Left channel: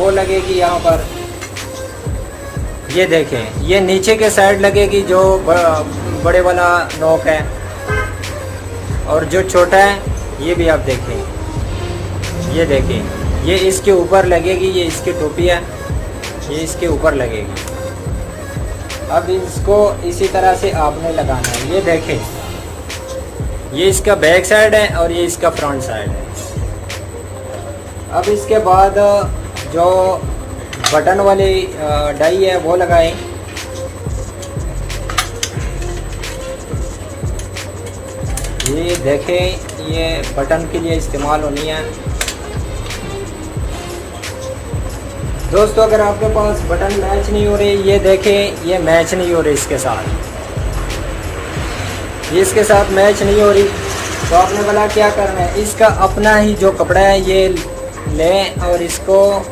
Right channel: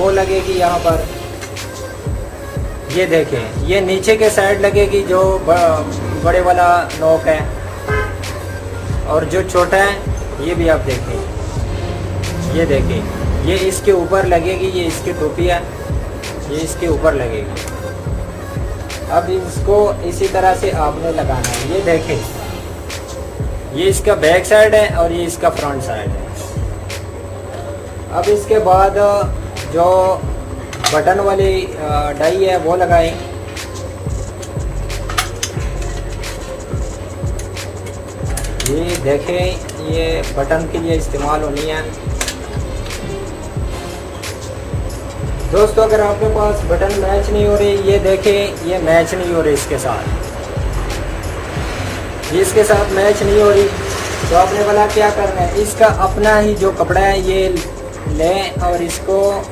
वो लगेगी यहाँ पर। ये देखें, ये नीचे के साइड लगेगी जो बड़े वाला नॉक है, और जो छोटा है ये भी आप देखें। ये देखें, ये इसके ऊपर लगेगी, ये इसकी टोपी है, ये इसके ऊपर लगेगी। अब इसको इसी तरह से आपने लगाना है। ये देखें, ये इसका बैक साइड है और ये इसका फ्रंट साइड है। अब इसके बाद जो बटन वाली डाई है वो लगाएं। ये देखें, ये बटन के लिए इस्तेमाल होनी है। दोस्तों अगर आपके पास बटन मैच नहीं हो रही, ये देखें, ये मैच नहीं हो रही इसके साथ, ये इसके साथ मैच नहीं हो रही, तो आपने बोला क्या करना है, इसका अपना ही जो कपड़ा है ये लें और इसको